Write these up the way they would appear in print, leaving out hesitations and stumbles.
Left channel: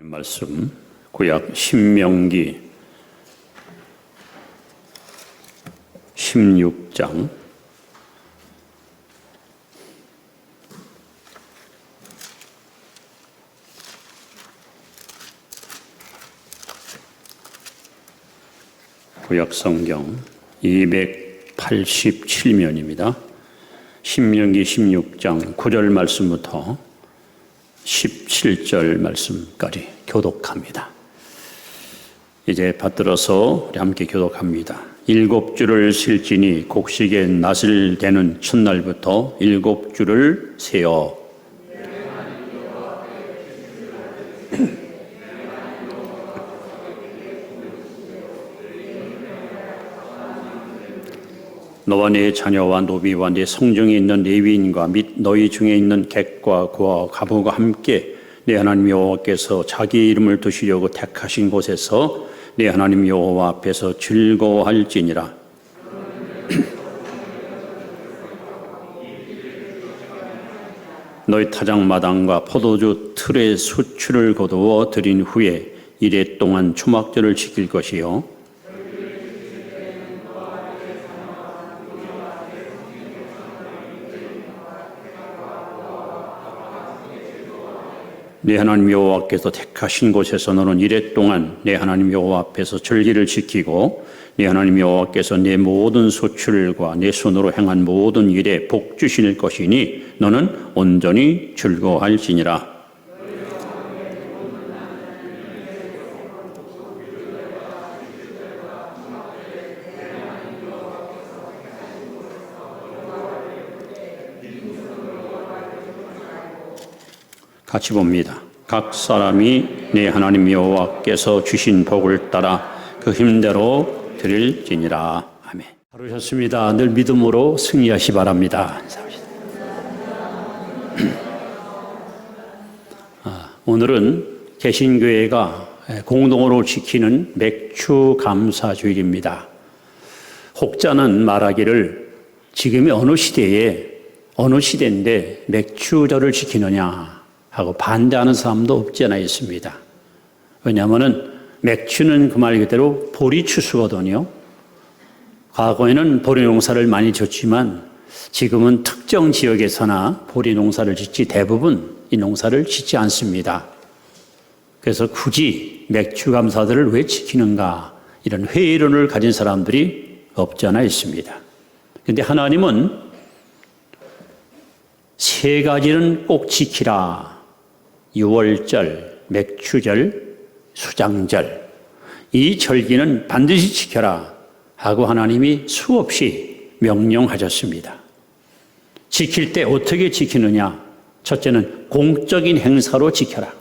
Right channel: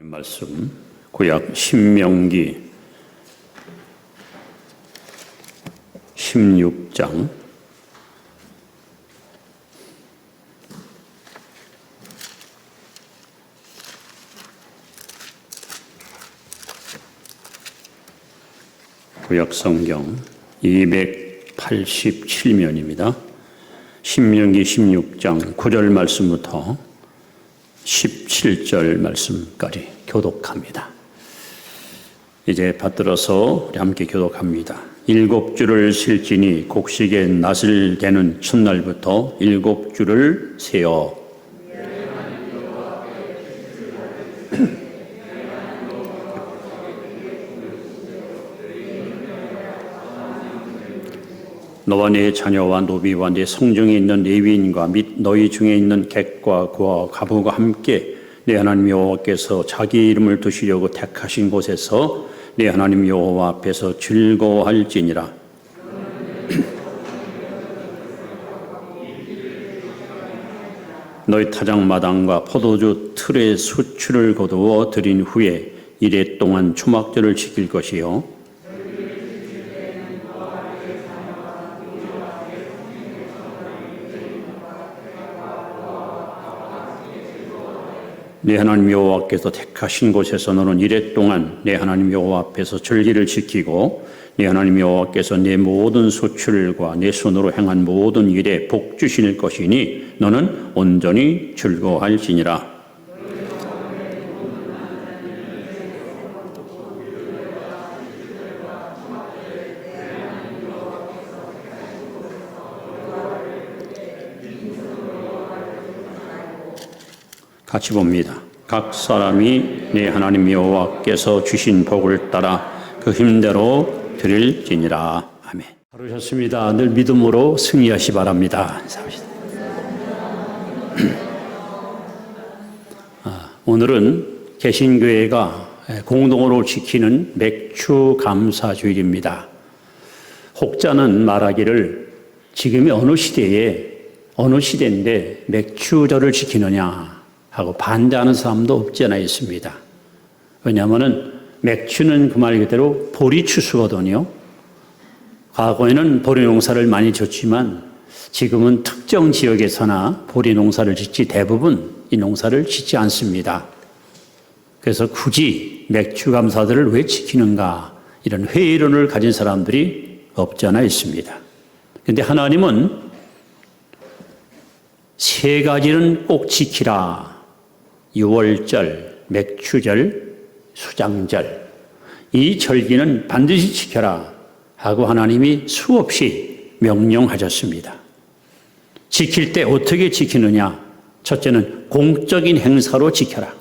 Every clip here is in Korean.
말씀 구약 신명기 16장 구약 성경 287면입니다. 신명기 16장 9절 말씀부터 17절 말씀까지 교독합니다. 이제 받들어서 우리 함께 교독합니다. 7주를 셀지니 곡식의 낫을 대는 첫날부터 7주를 세어 너와 네 자녀와 노비와 네 성중에 있는 레위인과 및 너희 중에 있는 객과 고와 가부가 함께 네 하나님 여호와께서 자기 이름을 두시려고 택하신 곳에서 네 하나님 여호와 앞에서 즐거워할지니라. 너희 타작마당과 포도주 틀의 수출을 거두어 드린 후에 이래 동안 초막절을 지킬 것이요 내 하나님 여호와께서 택하신 곳에서 너는 이래 동안 내 하나님 여호와 앞에서 절기를 지키고 내 하나님 여호와께서 내 모든 소출과 내 손으로 행한 모든 일에 복 주실 것이니 너는 온전히 즐거워할지니라. 같이 봅니다. 각 사람이 네 하나님 여호와께서 주신 복을 따라 그 힘대로 드릴지니라. 아멘. 하루셨습니다. 늘 믿음으로 승리하시 바랍니다. 오늘은 개신교회가 공동으로 지키는 맥주 감사 주일입니다. 혹자는 말하기를 지금이 어느 시대인데 맥주절을 지키느냐 하고 반대하는 사람도 없지 않아 있습니다. 왜냐하면 맥주는 그 말 그대로 보리추수거든요. 과거에는 보리 농사를 많이 졌지만 지금은 특정 지역에서나 보리 농사를 짓지 대부분 이 농사를 짓지 않습니다. 그래서 굳이 맥주 감사들을 왜 지키는가 이런 회의론을 가진 사람들이 없지 않아 있습니다. 그런데 하나님은 세 가지는 꼭 지키라. 유월절, 맥주절, 수장절 이 절기는 반드시 지켜라 하고 하나님이 수없이 명령하셨습니다. 지킬 때 어떻게 지키느냐? 첫째는 공적인 행사로 지켜라.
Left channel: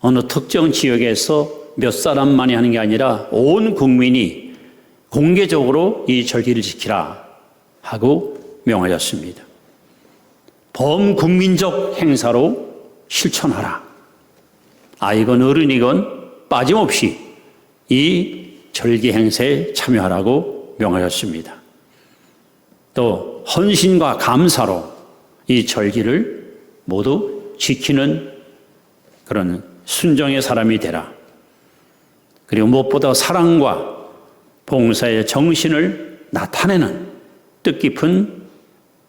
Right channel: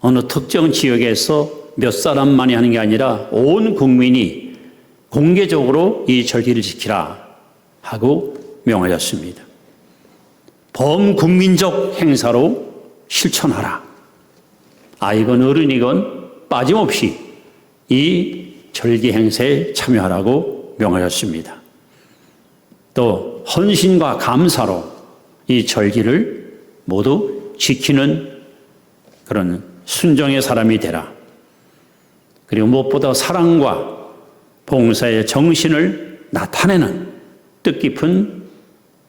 어느 특정 지역에서 몇 사람만이 하는 게 아니라 온 국민이 공개적으로 이 절기를 지키라 하고 명하셨습니다. 범국민적 행사로 실천하라. 아이건 어른이건 빠짐없이 이 절기 행사에 참여하라고 명하셨습니다. 또 헌신과 감사로 이 절기를 모두 지키는 그런 순종의 사람이 되라. 그리고 무엇보다 사랑과 봉사의 정신을 나타내는 뜻깊은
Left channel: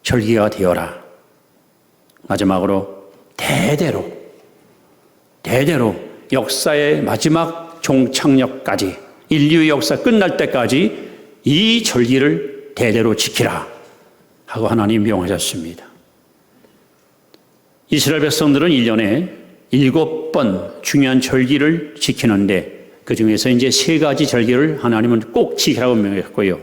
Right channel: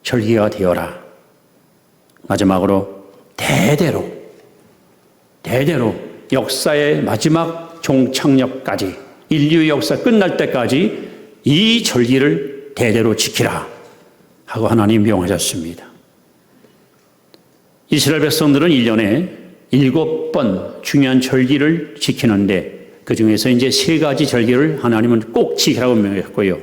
절기가 되어라. 마지막으로 대대로 역사의 마지막 종착역까지 인류의 역사 끝날 때까지 이 절기를 대대로 지키라 하고 하나님 명하셨습니다. 이스라엘 백성들은 1년에 7번 중요한 절기를 지키는데 그 중에서 이제 3가지 절기를 하나님은 꼭 지키라고 명했고요.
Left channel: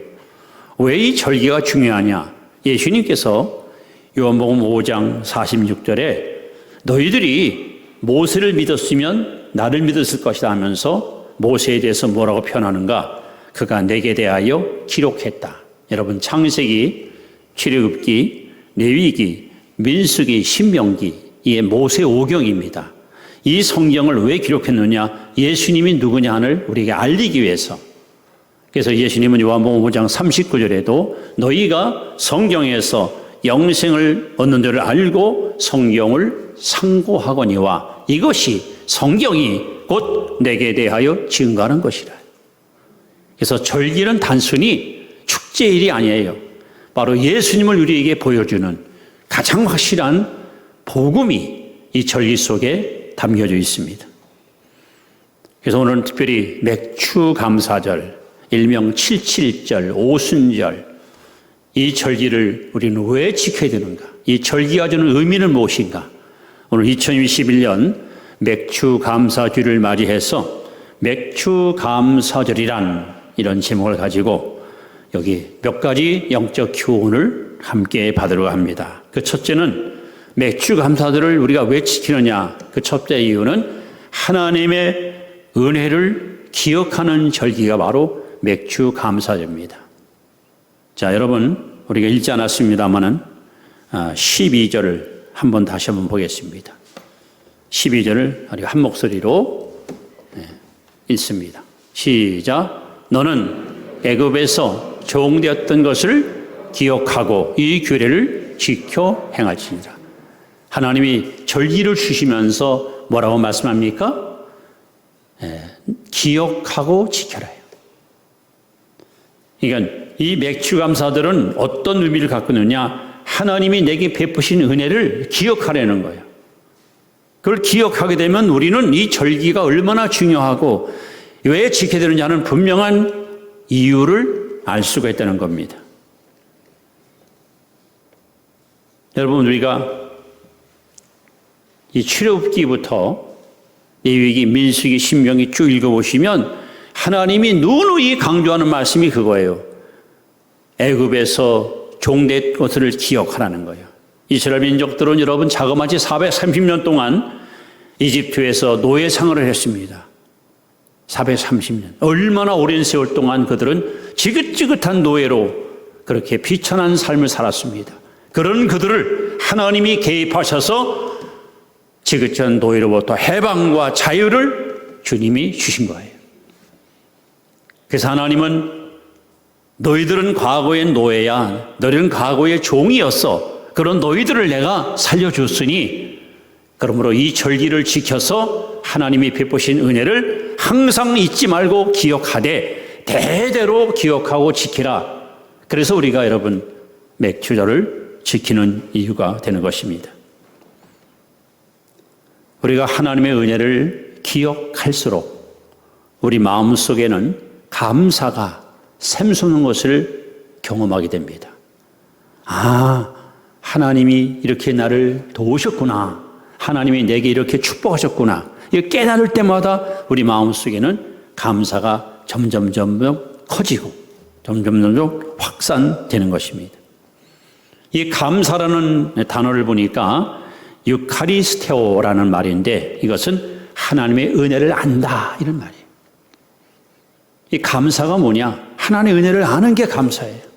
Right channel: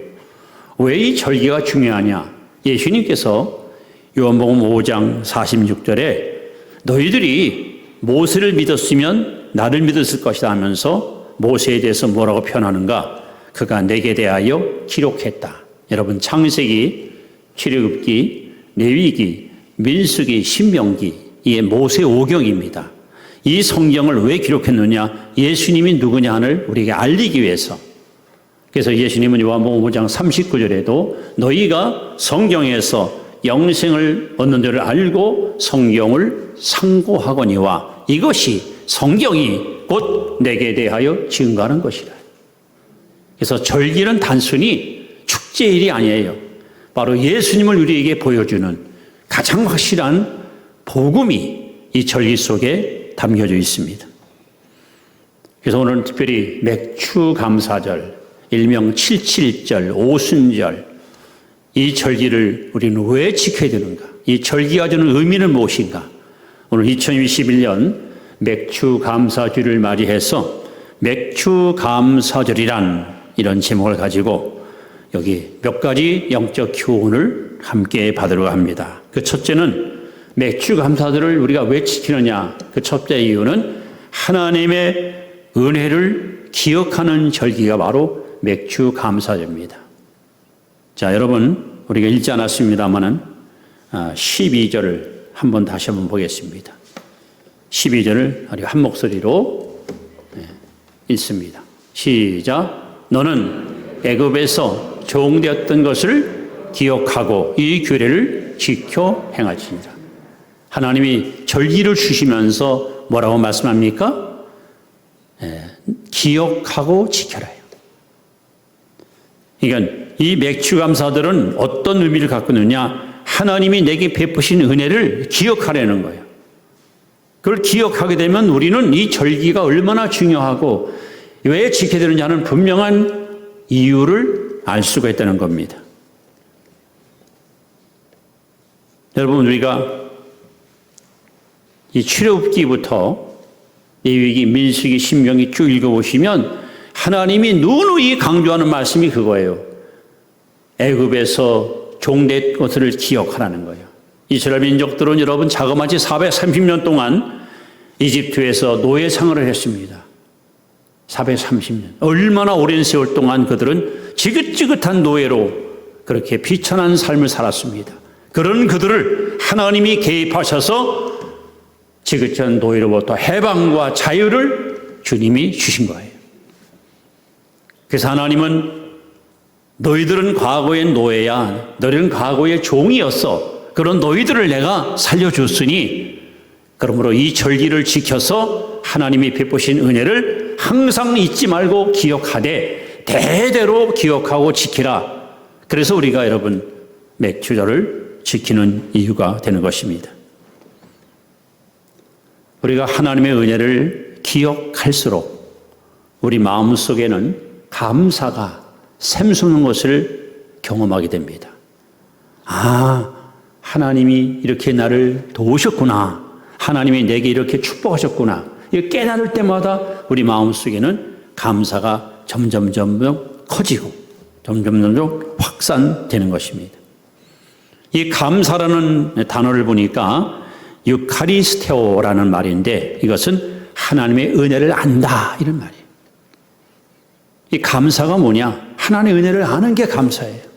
왜 이 절기가 중요하냐? 예수님께서 요한복음 5장 46절에 너희들이 모세를 믿었으면 나를 믿었을 것이다 하면서 모세에 대해서 뭐라고 표현하는가? 그가 내게 대하여 기록했다. 여러분 창세기, 출애굽기, 레위기, 민수기, 신명기 이게 모세 오경입니다. 이 성경을 왜 기록했느냐? 예수님이 누구냐를 우리에게 알리기 위해서. 그래서 예수님은 요한복음 5장 39절에도 너희가 성경에서 영생을 얻는 데를 알고 성경을 상고하거니와 이것이 성경이 곧 내게 대하여 증거하는 것이라. 그래서 절기는 단순히 축제일이 아니에요. 바로 예수님을 우리에게 보여주는 가장 확실한 복음이 이 절기 속에 담겨져 있습니다. 그래서 오늘 특별히 맥추감사절, 일명 77절, 오순절, 이 절기를 우리는 왜 지켜야 되는가? 이 절기가 주는 의미는 무엇인가? 오늘 2021년 맥추감사주를 맞이해서 맥추감사절이란 이런 제목을 가지고 여기 몇 가지 영적 교훈을 함께 받으려 합니다. 그 첫째는 맥추감사절을 우리가 왜 지키느냐? 그 첫째 이유는 하나님의 은혜를 기억하는 절기가 바로 맥추감사절입니다. 자, 여러분, 우리가 읽지 않았습니다만은 12절을 다시 한번 보겠습니다. 12절을 우리가 한 목소리로 읽습니다. 시작. 너는 애굽에서 종되었던 것을 기억하고 이 규례를 지켜 행할지니라. 하나님이 절기를 주시면서 뭐라고 말씀합니까? 기억하고 지켜라. 그러니까 이 맥추감사들은 어떤 의미를 갖고 있느냐? 하나님이 내게 베푸신 은혜를 기억하려는 거예요. 그걸 기억하게 되면 우리는 이 절기가 얼마나 중요하고 왜 지켜야 되느냐 하는 분명한 이유를 알 수가 있다는 겁니다. 여러분, 우리가 이 출애굽기부터 레위기, 민수기, 신명기 쭉 읽어보시면 하나님이 누누이 강조하는 말씀이 그거예요. 애굽에서 종된 것을 기억하라는 거예요. 이스라엘 민족들은 여러분 자그마치 430년 동안 이집트에서 노예 생활을 했습니다. 430년. 얼마나 오랜 세월 동안 그들은 지긋지긋한 노예로 그렇게 비천한 삶을 살았습니다. 그런 그들을 하나님이 개입하셔서 지긋한 노예로부터 해방과 자유를 주님이 주신 거예요. 그래서 하나님은 너희들은 과거의 노예야, 너희들은 과거의 종이었어. 그런 너희들을 내가 살려줬으니 그러므로 이 절기를 지켜서 하나님이 베푸신 은혜를 항상 잊지 말고 기억하되 대대로 기억하고 지키라. 그래서 우리가 여러분 맥추절을 지키는 이유가 되는 것입니다. 우리가 하나님의 은혜를 기억할수록 우리 마음속에는 감사가 샘솟는 것을 경험하게 됩니다. 아, 하나님이 이렇게 나를 도우셨구나. 하나님이 내게 이렇게 축복하셨구나. 이거 깨달을 때마다 우리 마음속에는 감사가 점점 커지고 점점 확산되는 것입니다. 이 감사라는 단어를 보니까 유카리스테오라는 말인데 이것은 하나님의 은혜를 안다 이런 말이에요. 이 감사가 뭐냐? 하나님의 은혜를 아는 게 감사예요.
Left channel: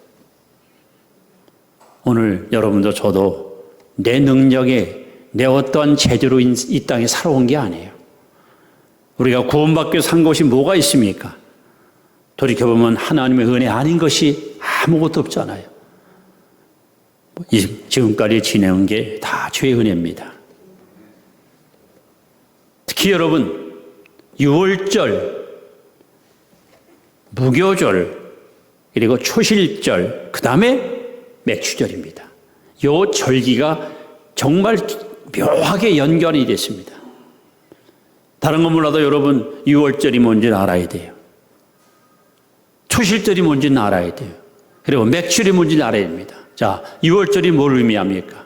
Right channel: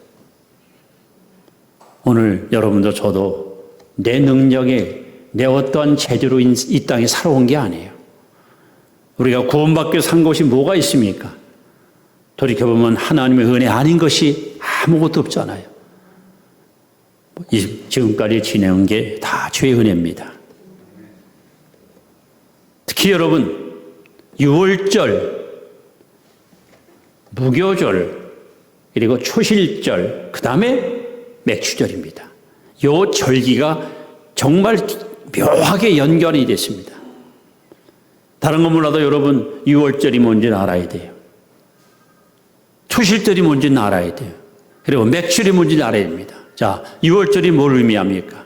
오늘 여러분도 저도 내 능력에 내 어떠한 재주로 이 땅에 살아온 게 아니에요. 우리가 구원받기 위해 산 것이 뭐가 있습니까? 돌이켜보면 하나님의 은혜 아닌 것이 아무것도 없잖아요. 지금까지 지내온 게 다 주의 은혜입니다. 특히 여러분, 6월절, 무교절, 그리고 초실절, 그 다음에 맥추절입니다. 이 절기가 정말 묘하게 연결이 됐습니다. 다른 건 몰라도 여러분 6월절이 뭔지는 알아야 돼요. 초실절이 뭔지는 알아야 돼요. 그리고 맥추절이 뭔지는 알아야 됩니다. 자, 6월절이 뭘 의미합니까?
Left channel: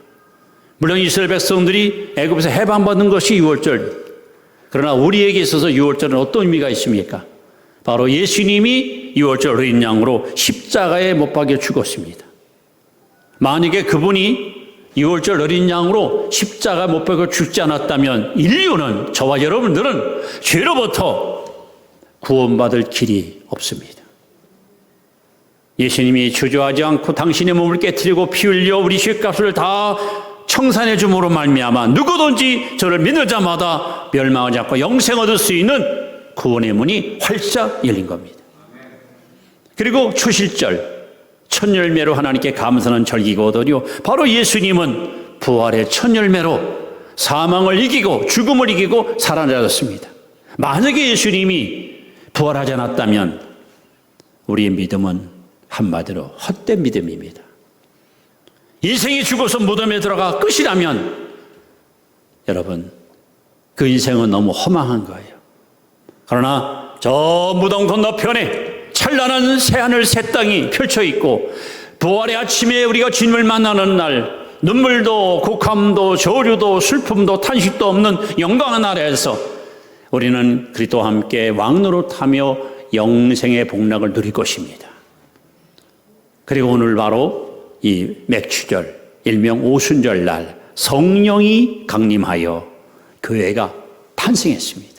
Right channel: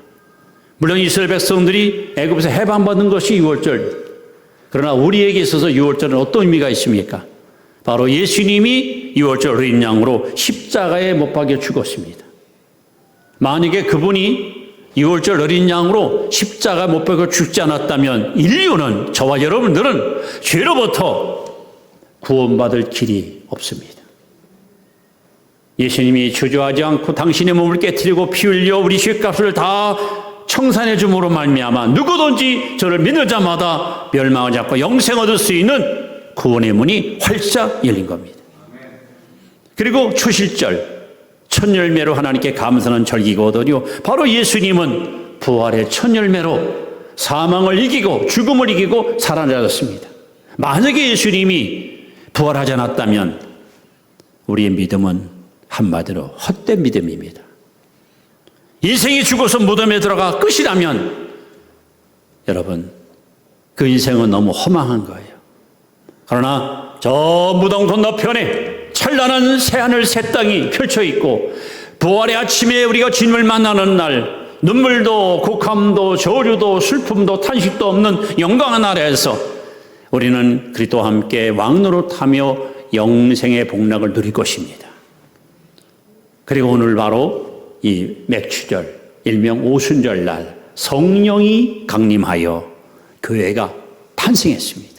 물론 이스라엘 백성들이 애굽에서 해방받은 것이 6월절. 그러나 우리에게 있어서 6월절은 어떤 의미가 있습니까? 바로 예수님이 6월절 어린 양으로 십자가에 못 박혀 죽었습니다. 만약에 그분이 6월절 어린 양으로 십자가에 못 박혀 죽지 않았다면 인류는, 저와 여러분들은 죄로부터 구원받을 길이 없습니다. 예수님이 주저하지 않고 당신의 몸을 깨뜨리고 피 흘려 우리 죄값을 다 청산해 줌으로 말미암아 누구든지 저를 믿는 자마다 멸망하지 않고 영생 얻을 수 있는 구원의 문이 활짝 열린 겁니다. 그리고 초실절, 첫 열매로 하나님께 감사하는 절기거든요. 바로 예수님은 부활의 첫 열매로 사망을 이기고 죽음을 이기고 살아나셨습니다. 만약에 예수님이 부활하지 않았다면 우리의 믿음은 한마디로 헛된 믿음입니다. 인생이 죽어서 무덤에 들어가 끝이라면 여러분 그 인생은 너무 허망한 거예요. 그러나 저 무덤 건너편에 찬란한 새하늘 새 땅이 펼쳐 있고 부활의 아침에 우리가 주님을 만나는 날 눈물도 곡함도 저주도 슬픔도 탄식도 없는 영광의 나라에서 우리는 그리스도와 함께 왕노릇하며 영생의 복락을 누릴 것입니다. 그리고 오늘 바로 이 맥추절 일명 오순절 날 성령이 강림하여 교회가 탄생했습니다.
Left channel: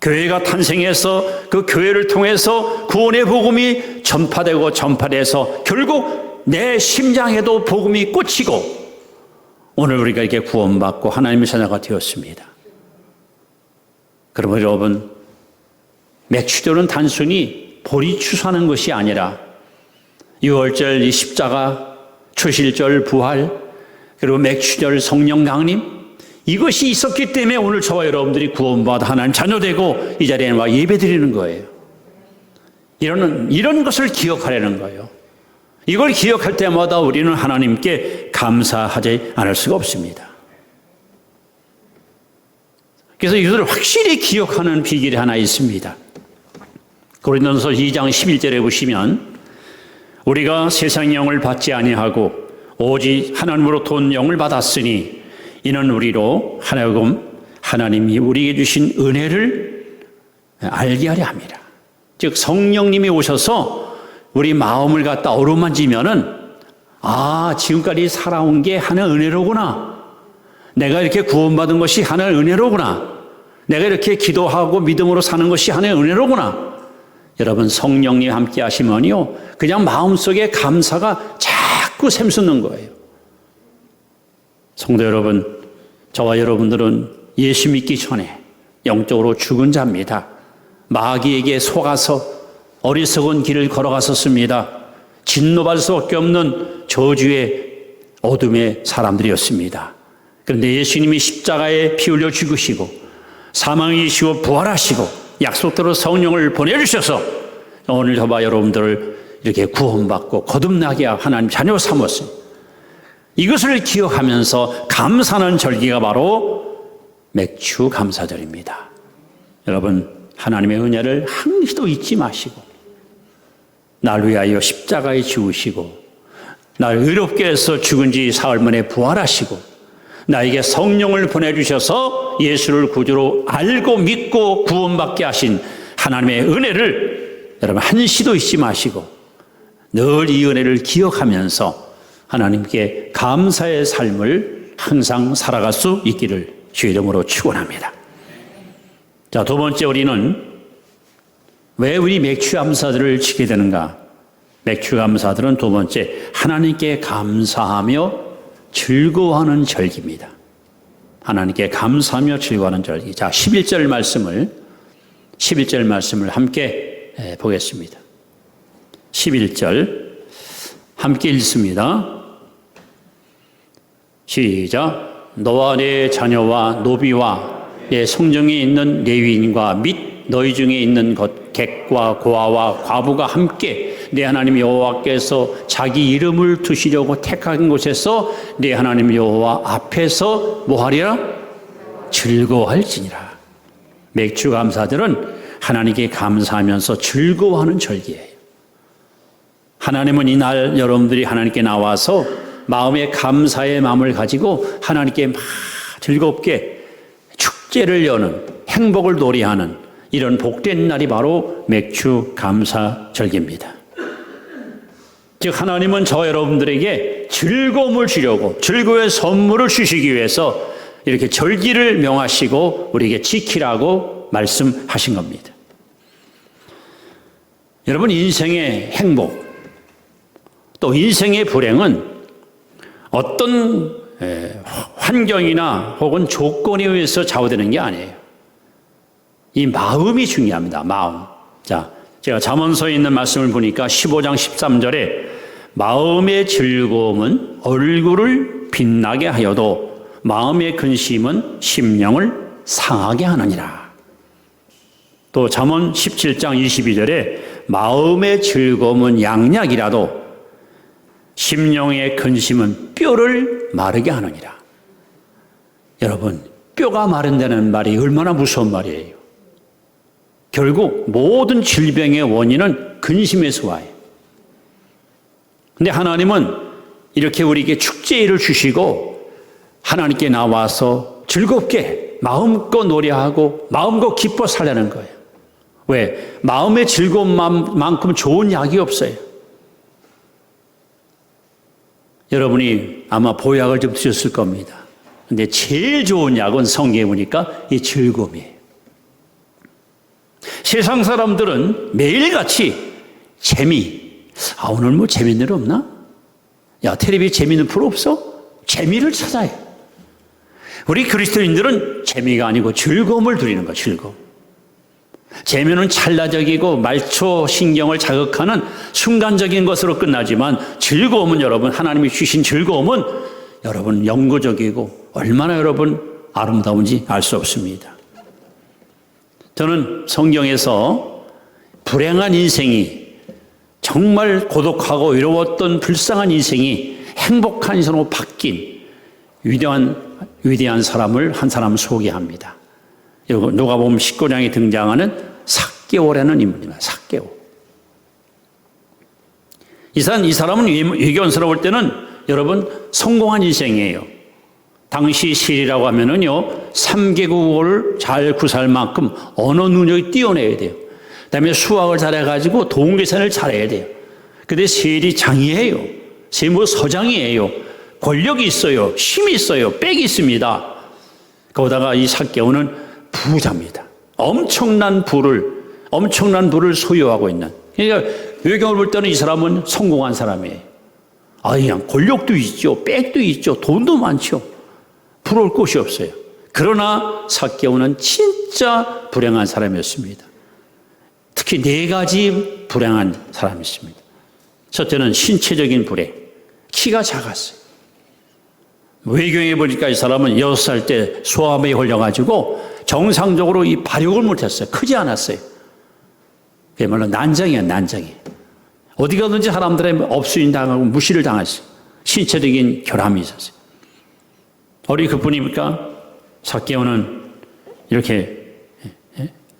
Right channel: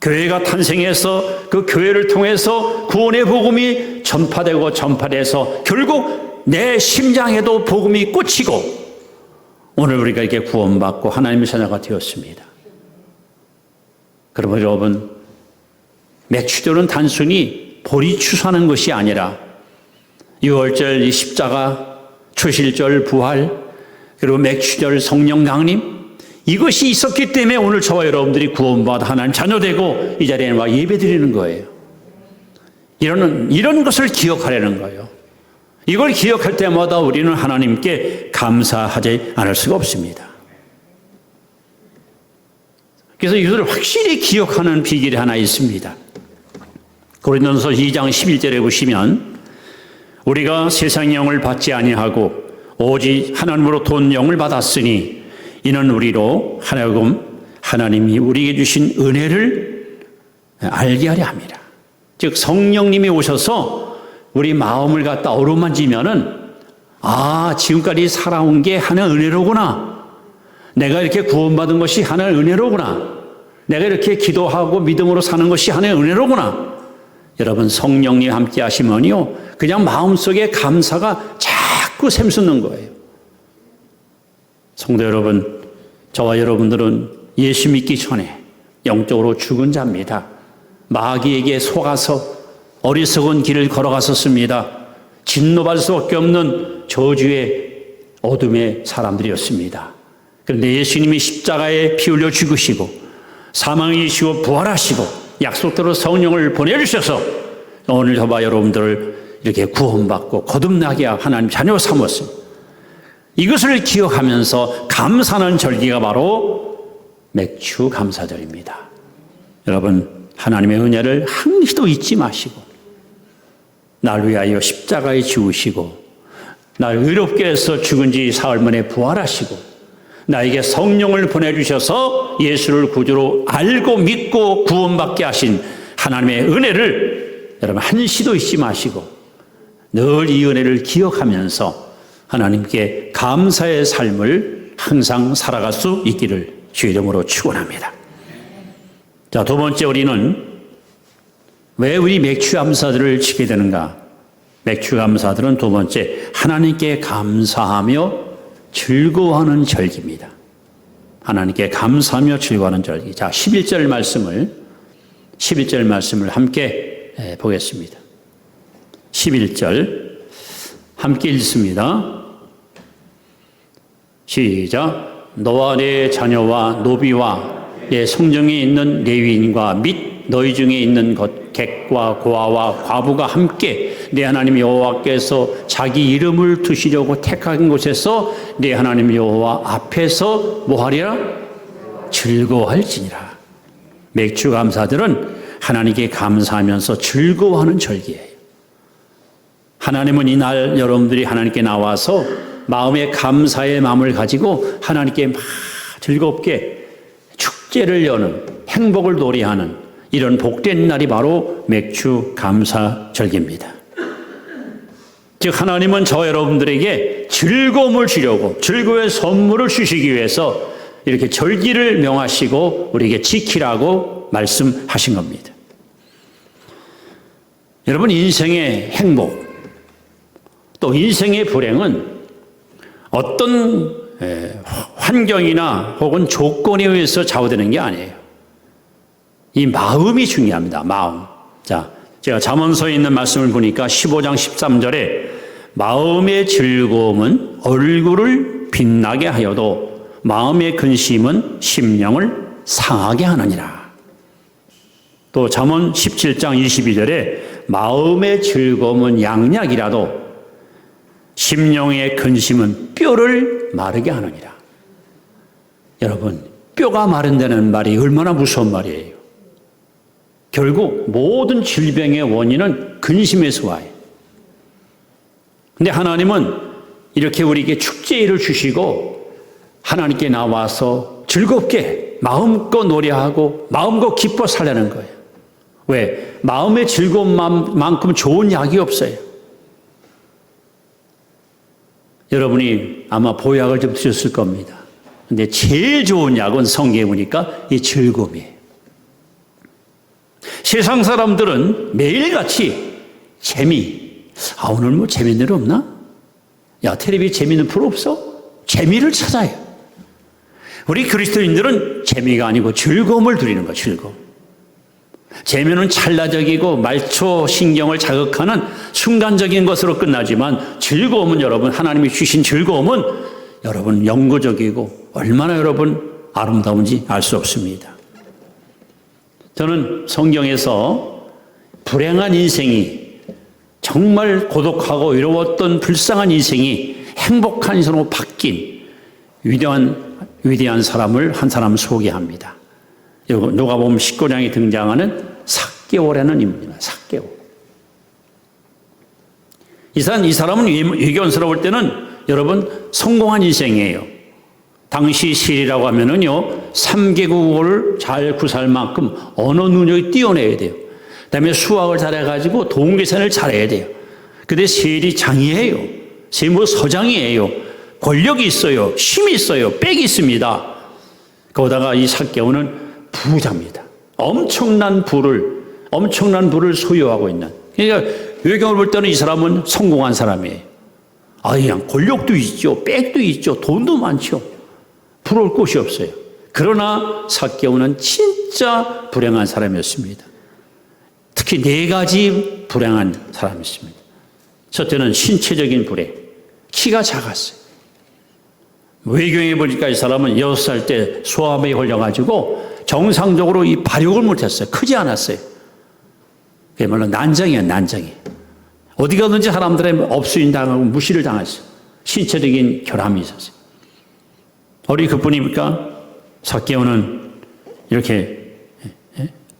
교회가 탄생해서 그 교회를 통해서 구원의 복음이 전파되고 전파돼서 결국 내 심장에도 복음이 꽂히고 오늘 우리가 이렇게 구원받고 하나님의 자녀가 되었습니다. 그러면 여러분 맥추절은 단순히 보리 추수하는 것이 아니라 유월절 이 십자가, 초실절 부활, 그리고 맥추절 성령 강림 이것이 있었기 때문에 오늘 저와 여러분들이 구원받아 하나님 자녀되고 이 자리에 와 예배드리는 거예요. 이런 것을 기억하려는 거예요. 이걸 기억할 때마다 우리는 하나님께 감사하지 않을 수가 없습니다. 그래서 이것을 확실히 기억하는 비결이 하나 있습니다. 고린도전서 2장 11절에 보시면 우리가 세상의 영을 받지 아니하고 오직 하나님으로부터 온 영을 받았으니 이는 우리로 하나금 하나님이 우리에게 주신 은혜를 알게 하려 함이라. 즉 성령님이 오셔서 우리 마음을 갖다 어루만지면은 지금까지 살아온 게 하나의 은혜로구나. 내가 이렇게 구원받은 것이 하나의 은혜로구나. 내가 이렇게 기도하고 믿음으로 사는 것이 하나의 은혜로구나. 여러분 성령님 함께 하시면요 그냥 마음속에 감사가 자꾸 샘솟는 거예요. 성도 여러분, 저와 여러분들은 예수 믿기 전에 영적으로 죽은 자입니다. 마귀에게 속아서 어리석은 길을 걸어갔었습니다. 진노받을 수밖에 없는 저주의 어둠의 사람들이었습니다. 그런데 예수님이 십자가에 피 흘려 죽으시고 사망을 이기시고 부활하시고 약속대로 성령을 보내주셔서 오늘 저와 여러분들을 이렇게 구원받고 거듭나게 하나님 자녀 삼았습니다. 이것을 기억하면서 감사하는 절기가 바로 맥추 감사절입니다. 여러분 하나님의 은혜를 한시도 잊지 마시고 날 위하여 십자가에 죽으시고 날 의롭게 해서 죽은 지 사흘 만에 부활하시고 나에게 성령을 보내주셔서 예수를 구주로 알고 믿고 구원받게 하신 하나님의 은혜를 여러분 한시도 잊지 마시고 늘 이 은혜를 기억하면서 하나님께 감사의 삶을 항상 살아갈 수 있기를 주의 이름으로 축원합니다. 자, 두 번째 우리는 왜 우리 맥추 감사들을 지게 되는가? 맥추 감사들은 두 번째 하나님께 감사하며 즐거워하는 절기입니다. 하나님께 감사하며 즐거워하는 절기. 자, 11절 말씀을 함께 보겠습니다. 11절 함께 읽습니다. 시작. 너와 내 자녀와 노비와 내 성정에 있는 레위인과 및 너희 중에 있는 것 객과 고아와 과부가 함께 내 하나님 여호와께서 자기 이름을 두시려고 택한 곳에서 내 하나님 여호와 앞에서 뭐하리라? 즐거워할지니라. 맥추 감사들은 하나님께 감사하면서 즐거워하는 절기예요. 하나님은 이날 여러분들이 하나님께 나와서 마음의 감사의 마음을 가지고 하나님께 막 즐겁게 축제를 여는 행복을 노래하는 이런 복된 날이 바로 맥추 감사절기입니다. 즉 하나님은 저 여러분들에게 즐거움을 주려고 즐거움의 선물을 주시기 위해서 이렇게 절기를 명하시고 우리에게 지키라고 말씀하신 겁니다. 여러분 인생의 행복 또 인생의 불행은 어떤 환경이나 혹은 조건에 의해서 좌우되는 게 아니에요. 이 마음이 중요합니다. 마음. 자, 제가 잠언서에 있는 말씀을 보니까 15장 13절에 마음의 즐거움은 얼굴을 빛나게 하여도 마음의 근심은 심령을 상하게 하느니라. 또 잠언 17장 22절에 마음의 즐거움은 양약이라도 심령의 근심은 뼈를 마르게 하느니라. 여러분, 뼈가 마른다는 말이 얼마나 무서운 말이에요. 결국 모든 질병의 원인은 근심에서 와요. 근데 하나님은 이렇게 우리에게 축제일을 주시고 하나님께 나와서 즐겁게 마음껏 노래하고 마음껏 기뻐 살라는 거예요. 왜? 마음의 즐거움만큼 좋은 약이 없어요. 여러분이 아마 보약을 좀 드셨을 겁니다. 근데 제일 좋은 약은 성경에 보니까 이 즐거움이에요. 세상 사람들은 매일같이 오늘 뭐 재밌는 일 없나? 야, 텔레비 재밌는 프로 없어? 재미를 찾아요. 우리 그리스도인들은 재미가 아니고 즐거움을 누리는 거예요. 즐거움. 재미는 찰나적이고 말초 신경을 자극하는 순간적인 것으로 끝나지만 즐거움은 여러분, 하나님이 주신 즐거움은 여러분 영구적이고 얼마나 여러분 아름다운지 알 수 없습니다. 저는 성경에서 불행한 인생이 정말 고독하고 외로웠던 불쌍한 인생이 행복한 인생으로 바뀐 위대한 사람을 한 사람 소개합니다. 누가복음 19장에 등장하는 삭개오라는 인물입니다. 삭개오. 이 사람은 외견스러울 때는 여러분 성공한 인생이에요. 당시 시리라고 하면은요 3개국어를 잘 구사할 만큼 언어 능력이 뛰어내야 돼요. 그다음에 수학을 잘해가지고 동계산을 잘해야 돼요. 근데 세리 장이에요. 세무 서장이에요. 권력이 있어요. 힘이 있어요. 빽이 있습니다. 거기다가 이 삭개오는 부자입니다. 엄청난 부를 소유하고 있는. 그러니까 외경을 볼 때는 이 사람은 성공한 사람이에요. 그냥 권력도 있죠. 빽도 있죠. 돈도 많죠. 부러울 곳이 없어요. 그러나 삭개오는 진짜 불행한 사람이었습니다. 특히 4가지 불행한 사람이 있습니다. 첫째는 신체적인 불행. 키가 작았어요. 외경에 보니까 이 사람은 6살 때 소아암에 걸려가지고 정상적으로 이 발육을 못했어요. 크지 않았어요. 그야말로 난장이에요. 어디 가든지 사람들의 업수인 당하고 무시를 당했어요. 신체적인 결함이 있었어요. 어리 그뿐입니까? 삭개오는 이렇게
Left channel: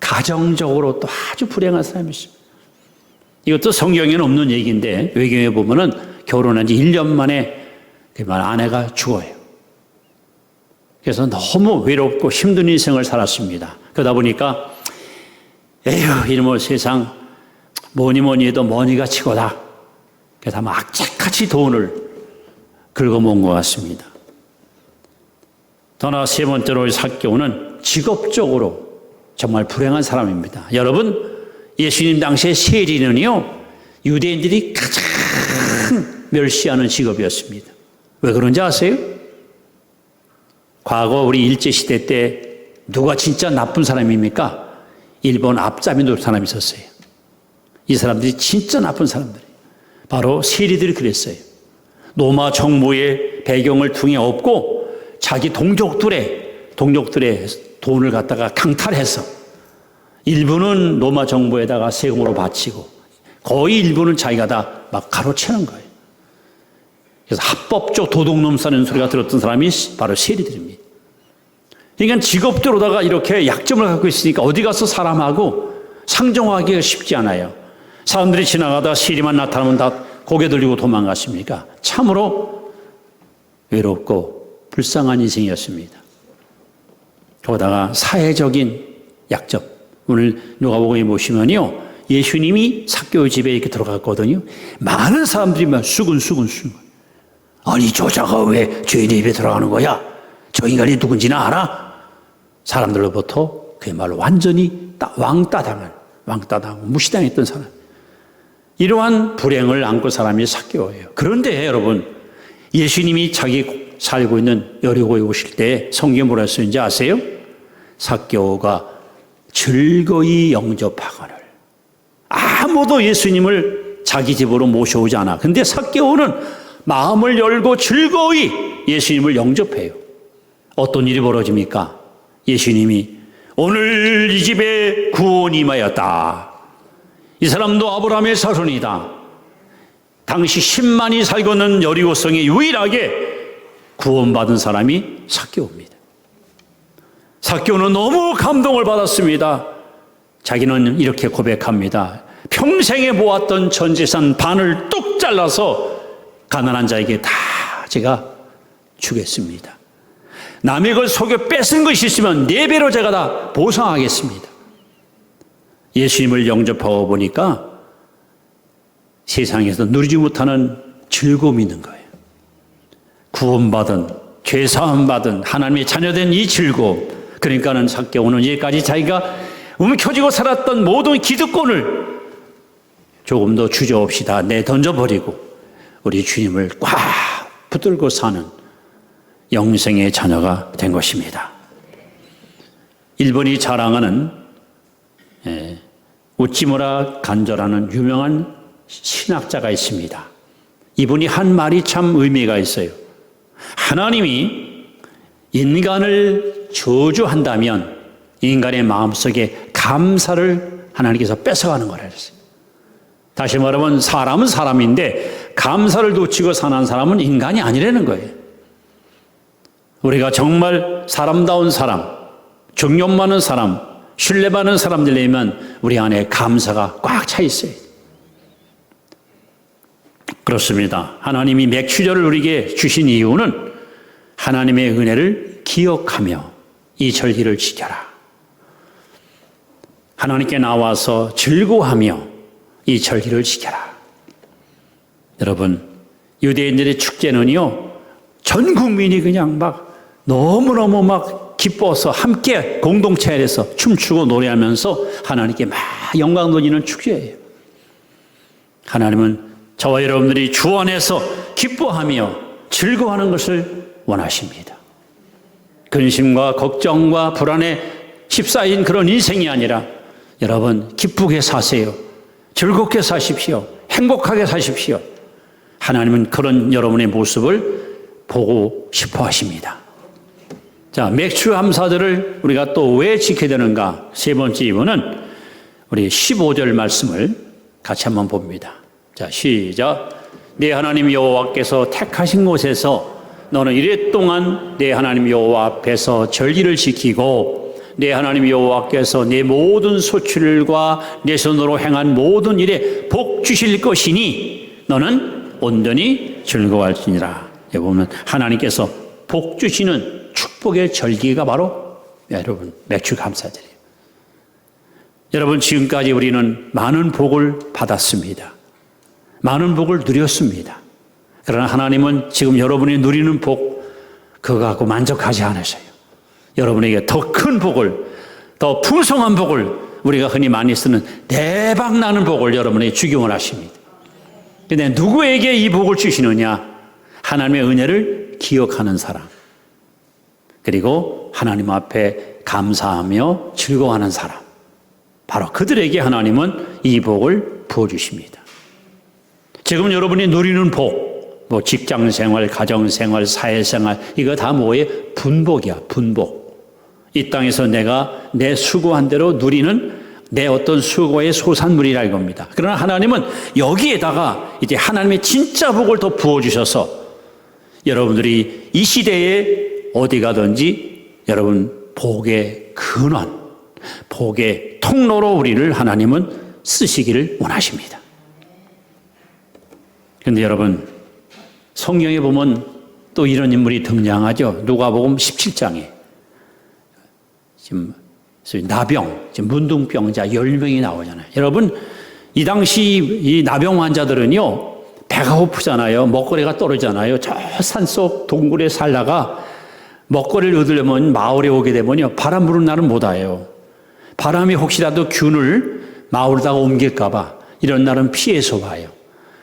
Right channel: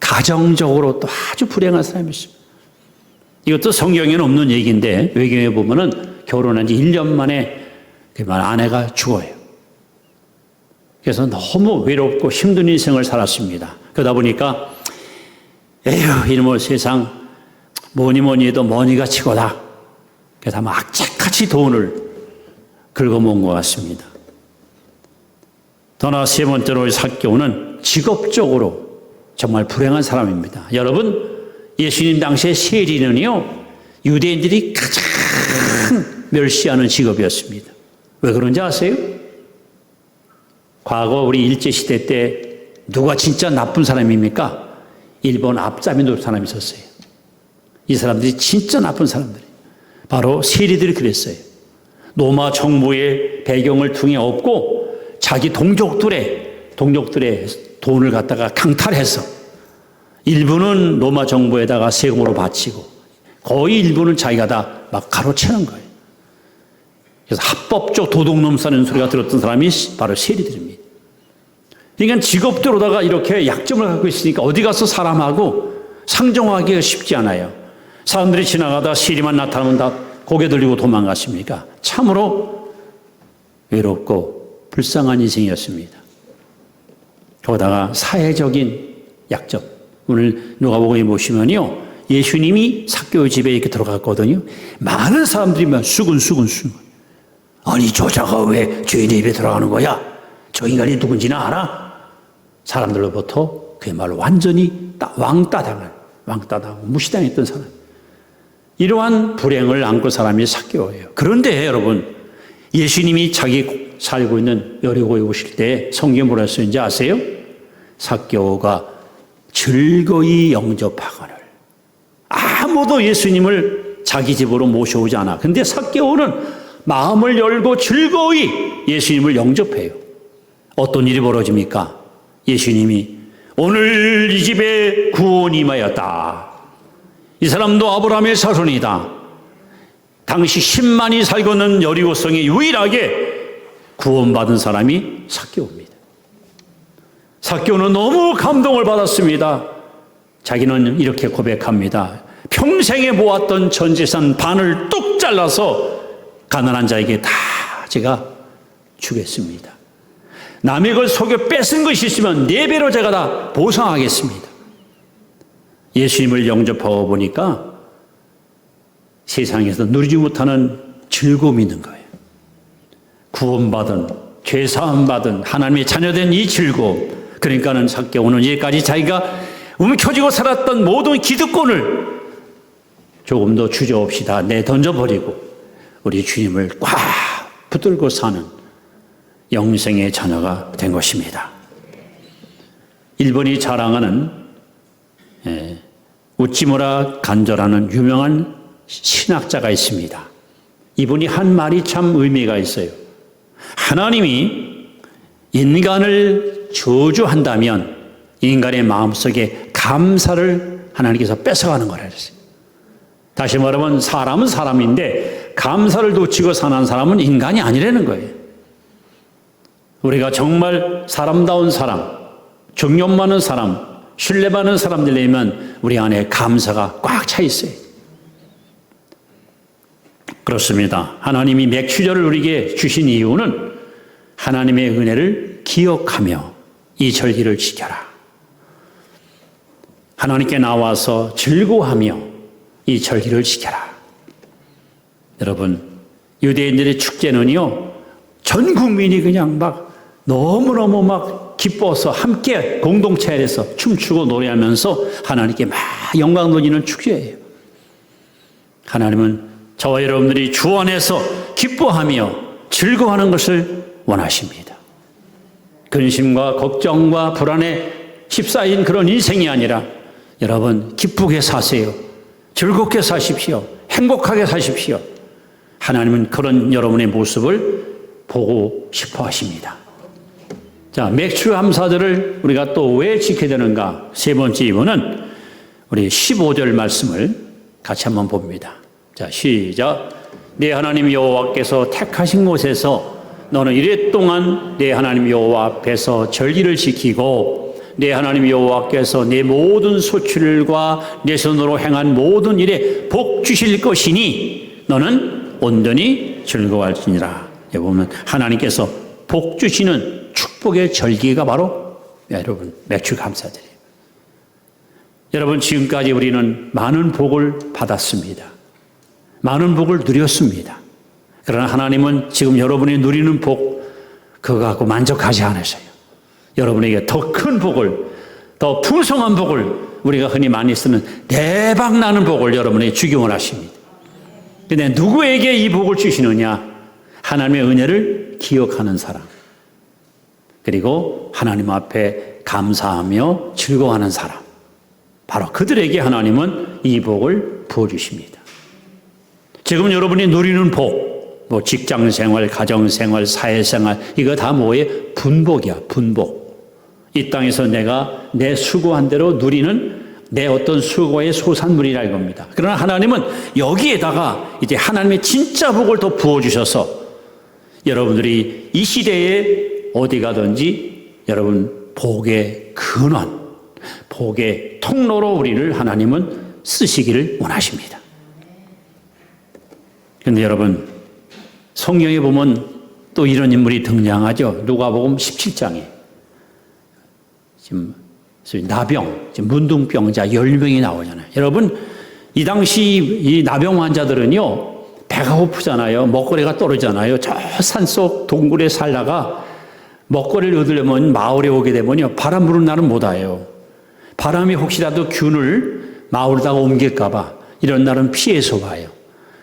가정적으로 또 아주 불행한 사람이었어요. 이것도 성경에는 없는 얘기인데 외경에 보면은 결혼한 지 1년 만에 아내가 죽어요. 그래서 너무 외롭고 힘든 인생을 살았습니다. 그러다 보니까 이놈의 세상 뭐니 해도 머니가 치고다. 그래서 아마 악착같이 돈을 긁어모은 것 같습니다. 더 나아 세 번째로 삭개오는 직업적으로 정말 불행한 사람입니다. 여러분, 예수님 당시에 세리는요 유대인들이 가장 멸시하는 직업이었습니다. 왜 그런지 아세요? 과거 우리 일제시대 때 누가 진짜 나쁜 사람입니까? 일본 앞잡이 노릇 사람이 있었어요. 이 사람들이 진짜 나쁜 사람들이에요. 바로 세리들이 그랬어요. 로마 정부의 배경을 통해 얻고 자기 동족들의 돈을 갖다가 강탈해서 일부는 로마 정부에다가 세금으로 바치고 거의 일부는 자기가 다 막 가로채는 거예요. 그래서 합법적 도둑놈사는 소리가 들었던 사람이 바로 세리들입니다. 그러니까 직업대로다가 이렇게 약점을 갖고 있으니까 어디 가서 사람하고 상종하기가 쉽지 않아요. 사람들이 지나가다 세리만 나타나면 다 고개 들리고 도망갔습니까? 참으로 외롭고 불쌍한 인생이었습니다. 거기다가 사회적인 약점. 오늘 누가복음에 보시면요, 예수님이 삭개오 집에 이렇게 들어갔거든요. 많은 사람들이 막 수근수근. 아니 저자가 왜 저희들 집에 들어가는 거야? 저 인간이 누군지는 알아? 사람들로부터 그야말로 완전히 왕따당하고 무시당했던 사람. 이러한 불행을 안고 사람이 삭개오예요. 그런데 여러분, 예수님이 자기 살고 있는 여리고에 오실 때 성경에 뭐라 했는지 아세요? 삭개오가 즐거이 영접하거늘. 아무도 예수님을 자기 집으로 모셔오지 않아. 근데 삭개오는 마음을 열고 즐거이 예수님을 영접해요. 어떤 일이 벌어집니까? 예수님이 오늘 이 집에 구원이 임하였다. 이 사람도 아브라함의 자손이다. 당시 10만이 살고 있는 여리고성에 유일하게 구원받은 사람이 삭개오입니다. 삭개오는 너무 감동을 받았습니다. 자기는 이렇게 고백합니다. 평생에 모았던 전 재산 반을 뚝 잘라서 가난한 자에게 다 제가 주겠습니다. 남의 걸 속여 뺏은 것이 있으면 4배로 제가 다 보상하겠습니다. 예수님을 영접하고 보니까 세상에서 누리지 못하는 즐거움이 있는 거예요. 구원받은, 죄사함받은 하나님의 자녀된 이 즐거움. 그러니까는 삭개오는 이제까지 자기가 움켜쥐고 살았던 모든 기득권을 조금 더 주저없이 다 내던져버리고 우리 주님을 꽉 붙들고 사는 영생의 자녀가 된 것입니다. 일본이 자랑하는 우찌무라 간조라는 유명한 신학자가 있습니다. 이분이 한 말이 참 의미가 있어요. 하나님이 인간을 저주한다면 인간의 마음속에 감사를 하나님께서 뺏어가는 거라 그랬어요. 다시 말하면 사람은 사람인데 감사를 놓치고 사는 사람은 인간이 아니라는 거예요. 우리가 정말 사람다운 사람, 존경 많은 사람, 신뢰받는 사람들이면 우리 안에 감사가 꽉 차 있어요. 그렇습니다. 하나님이 맥주절을 우리에게 주신 이유는 하나님의 은혜를 기억하며 이 절기를 지켜라. 하나님께 나와서 즐거워하며 이 절기를 지켜라. 여러분, 유대인들의 축제는요, 전 국민이 그냥 막 너무너무 막 기뻐서 함께 공동체 안에서 춤추고 노래하면서 하나님께 막 영광 돌리는 축제예요. 하나님은 저와 여러분들이 주 안에서 기뻐하며 즐거워하는 것을 원하십니다. 근심과 걱정과 불안에 휩싸인 그런 인생이 아니라 여러분 기쁘게 사세요. 즐겁게 사십시오. 행복하게 사십시오. 하나님은 그런 여러분의 모습을 보고 싶어 하십니다. 자, 맥주 감사절을 우리가 또 왜 지켜야 되는가? 세 번째 이유는 우리 15절 말씀을 같이 한번 봅니다. 자, 시작. 내 하나님 여호와께서 택하신 곳에서 너는 이래 동안 내 하나님 여호와 앞에서 절기를 지키고 내 하나님 여호와께서 내 모든 소출과 내 손으로 행한 모든 일에 복 주실 것이니 너는 온전히 즐거워할지니라. 여기 보면 하나님께서 복 주시는 축복의 절기가 바로 여러분 맥주 감사절이에요. 여러분 지금까지 우리는 많은 복을 받았습니다. 많은 복을 누렸습니다. 그러나 하나님은 지금 여러분이 누리는 복 그거 갖고 만족하지 않으셔요. 여러분에게 더 큰 복을, 더 풍성한 복을, 우리가 흔히 많이 쓰는 대박나는 복을 여러분에게 주기 원하십니다. 그런데 누구에게 이 복을 주시느냐? 하나님의 은혜를 기억하는 사람, 그리고 하나님 앞에 감사하며 즐거워하는 사람, 바로 그들에게 하나님은 이 복을 부어주십니다. 지금 여러분이 누리는 복, 뭐 직장생활, 가정생활, 사회생활, 이거 다 뭐예요? 분복이야, 분복. 이 땅에서 내가 내 수고한 대로 누리는 내 어떤 수고의 소산물이라 이겁니다. 그러나 하나님은 여기에다가 이제 하나님의 진짜 복을 더 부어주셔서 여러분들이 이 시대에 어디 가든지 여러분 복의 근원, 복의 통로로 우리를 하나님은 쓰시기를 원하십니다. 그런데 여러분 성경에 보면 또 이런 인물이 등장하죠. 누가복음 17장에 지금 나병, 지금 문둥병자 10명이 나오잖아요. 여러분 이 당시 이 나병 환자들은요 배가 고프잖아요. 먹거리가 떨어지잖아요. 저 산속 동굴에 살다가 먹거리를 얻으려면 마을에 오게 되면요 바람 부는 날은 못 와요. 바람이 혹시라도 균을 마을에다가 옮길까 봐 이런 날은 피해서 와요.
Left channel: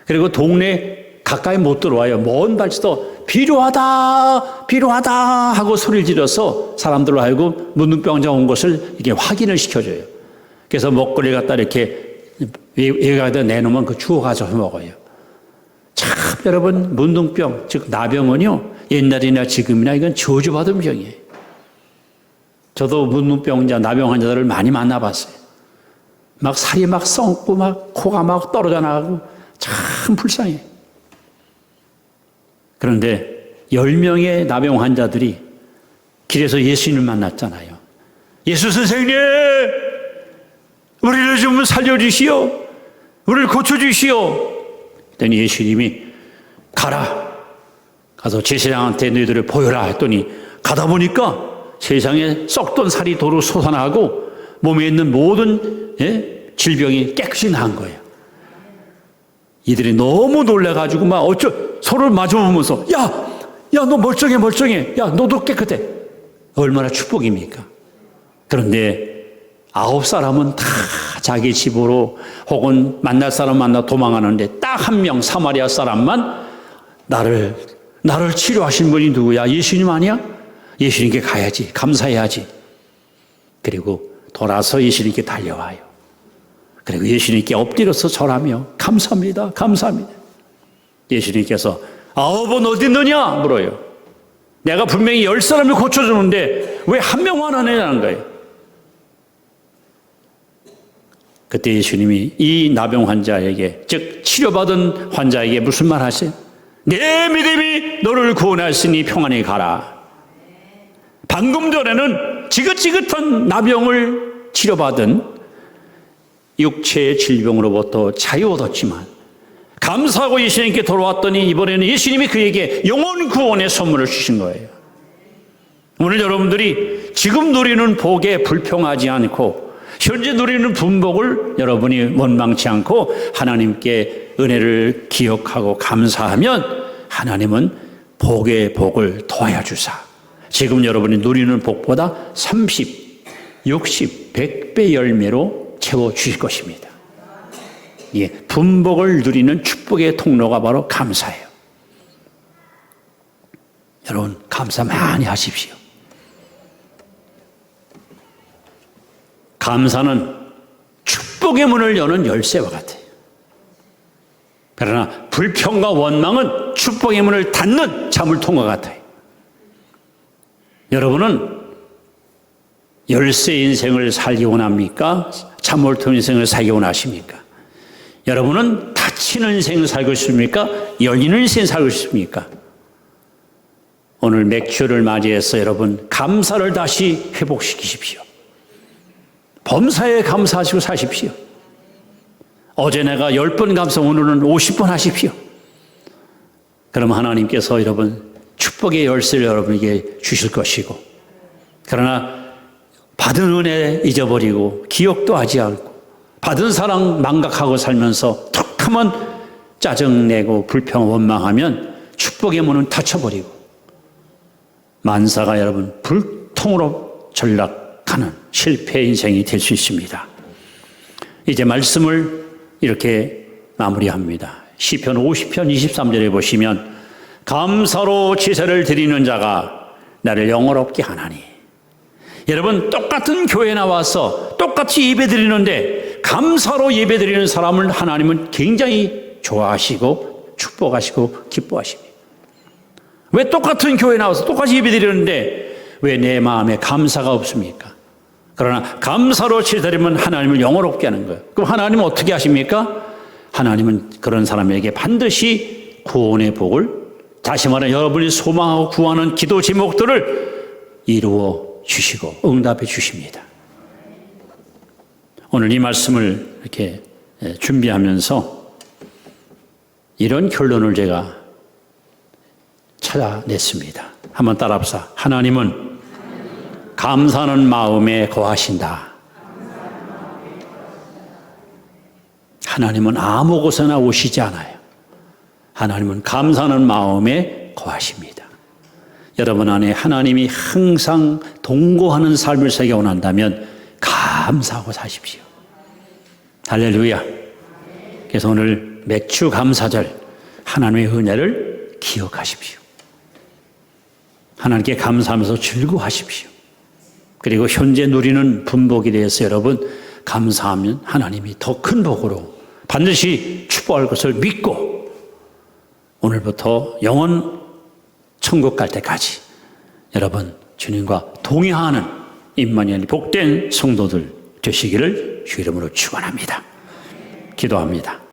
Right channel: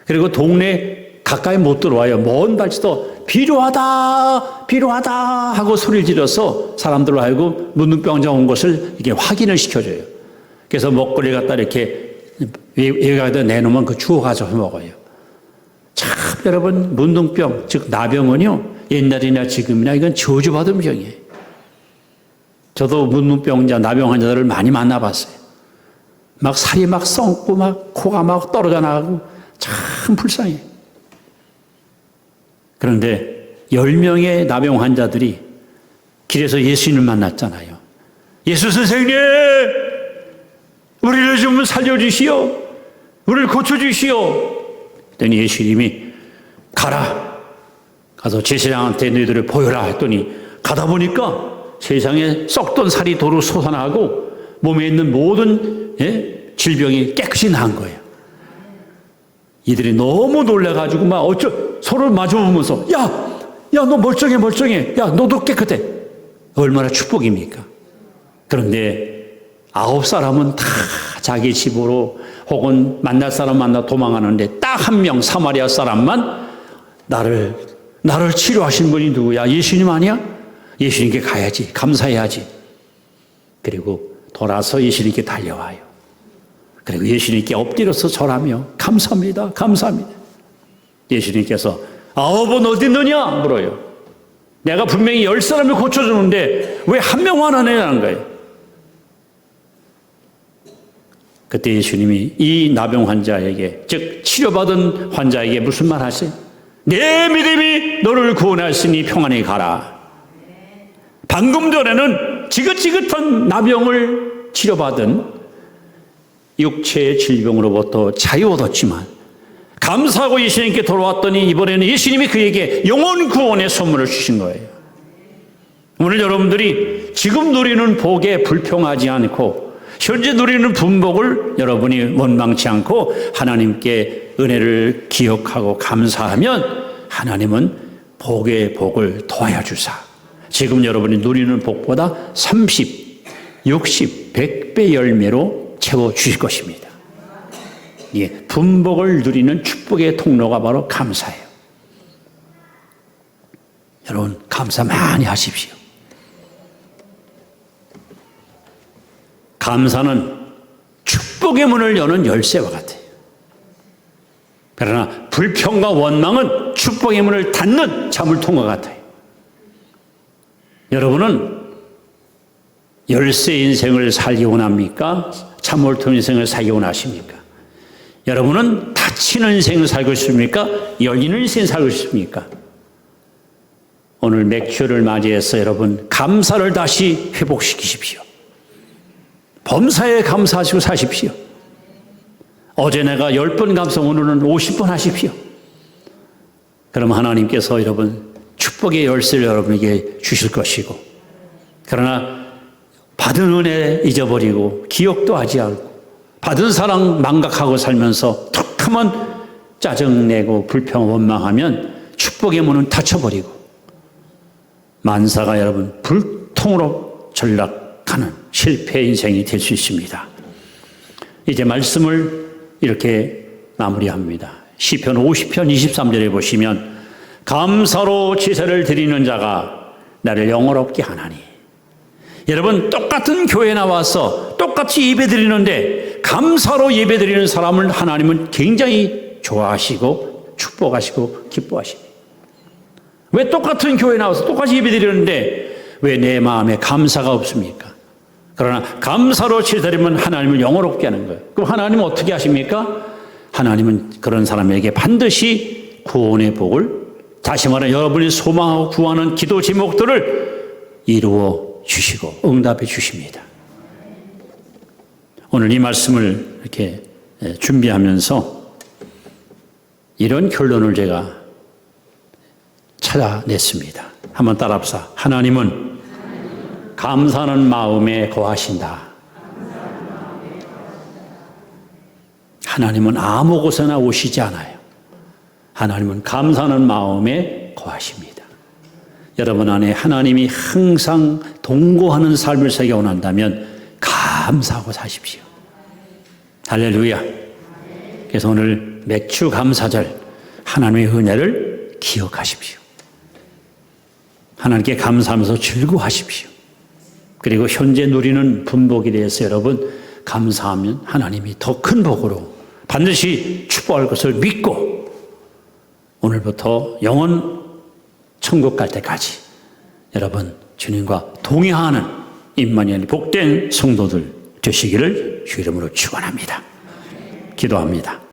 그리고 동네 가까이 못 들어와요. 먼 발치도 필요하다 필요하다 하고 소리를 질러서 사람들로 알고 문둥병자 온 것을 이렇게 확인을 시켜줘요. 그래서 먹거리 갖다 이렇게 외곽에다 내놓으면 그 주워 가서 먹어요. 참 여러분 문둥병 즉 나병은요 옛날이나 지금이나 이건 저주받은 병이에요. 저도 문무병자, 나병 환자들을 많이 만나봤어요. 막 살이 막 썩고 막 코가 막 떨어져 나가고 참 불쌍해요. 그런데 10명의 나병 환자들이 길에서 예수님을 만났잖아요. 예수 선생님, 우리를 좀 살려주시오. 우리를 고쳐주시오. 그랬더니 예수님이 가라. 가서 제사장한테 너희들을 보여라 했더니 가다 보니까 세상에 썩던 살이 도로 솟아나고 몸에 있는 모든 질병이 깨끗이 나은 거예요. 이들이 너무 놀라가지고 막 서로 마주보면서 야, 너 멀쩡해. 야, 너도 깨끗해. 얼마나 축복입니까? 그런데 9사람은 다 자기 집으로 혹은 만날 사람 만나 도망가는데 딱 한 명 사마리아 사람만 나를 치료하신 분이 누구야? 예수님 아니야? 예수님께 가야지. 감사해야지. 그리고 돌아서 예수님께 달려와요. 그리고 예수님께 엎드려서 절하며 감사합니다. 예수님께서 9은 어디 있느냐? 물어요. 내가 분명히 10사람을 고쳐주는데 왜 한 명만 안 해라는 거예요. 그때 예수님이 이 나병 환자에게, 즉 치료받은 환자에게 무슨 말 하세요? 내 믿음이 너를 구원하시니 평안히 가라. 방금 전에는 지긋지긋한 나병을 치료받은 육체의 질병으로부터 자유 얻었지만 감사하고 예수님께 돌아왔더니 이번에는 예수님이 그에게 영혼 구원의 선물을 주신 거예요. 오늘 여러분들이 지금 누리는 복에 불평하지 않고 현재 누리는 분복을 여러분이 원망치 않고 하나님께 은혜를 기억하고 감사하면 하나님은 복의 복을 더하여 주사 지금 여러분이 누리는 복보다 30, 60, 100배 열매로 채워주실 것입니다. 예, 분복을 누리는 축복의 통로가 바로 감사예요. 여러분 감사 많이 하십시오. 감사는 축복의 문을 여는 열쇠와 같아요. 그러나 불평과 원망은 축복의 문을 닫는 자물통과 같아요. 여러분은 열쇠 인생을 살기 원합니까? 자물통 인생을 살기 원하십니까? 여러분은 닫히는 인생을 살고 싶습니까? 열리는 인생을 살고 싶습니까? 오늘 맥주를 맞이해서 여러분 감사를 다시 회복시키십시오. 범사에 감사하시고 사십시오. 어제 내가 10번 감사, 오늘은 50번 하십시오. 그럼 하나님께서 여러분 축복의 열쇠를 여러분에게 주실 것이고, 그러나 받은 은혜 잊어버리고 기억도 하지 않고 받은 사랑 망각하고 살면서 툭 하면 짜증내고 불평 원망하면 축복의 문은 닫혀버리고 만사가 여러분 불통으로 전락하는 실패 인생이 될 수 있습니다. 이제 말씀을 이렇게 마무리합니다. 시편 50편 23절에 보시면 감사로 제사를 드리는 자가 나를 영화롭게 하나니. 여러분 똑같은 교회에 나와서 똑같이 예배 드리는데 감사로 예배 드리는 사람을 하나님은 굉장히 좋아하시고 축복하시고 기뻐하십니다. 왜 똑같은 교회에 나와서 똑같이 예배 드리는데 왜 내 마음에 감사가 없습니까? 그러나 감사로 제사드리면 하나님을 영화롭게 하는 거예요. 그럼 하나님은 어떻게 하십니까? 하나님은 그런 사람에게 반드시 구원의 복을, 다시 말해 여러분이 소망하고 구하는 기도 제목들을 이루어 주시고 응답해 주십니다. 오늘 이 말씀을 이렇게 준비하면서 이런 결론을 제가 찾아냈습니다. 한번 따라합시다. 하나님은 감사하는 마음에 거하신다. 하나님은 아무 곳에나 오시지 않아요. 하나님은 감사하는 마음에 거하십니다. 여러분 안에 하나님이 항상 동거하는 삶을 살기 원한다면 감사하고 사십시오. 할렐루야. 그래서 오늘 맥주 감사절 하나님의 은혜를 기억하십시오. 하나님께 감사하면서 즐거워하십시오. 그리고 현재 누리는 분복에 대해서 여러분 감사하면 하나님이 더 큰 복으로 반드시 축복할 것을 믿고 오늘부터 영원 천국 갈 때까지 여러분 주님과 동행하는 임마누엘 복된 성도들 되시기를 주 이름으로 축원합니다. 기도합니다.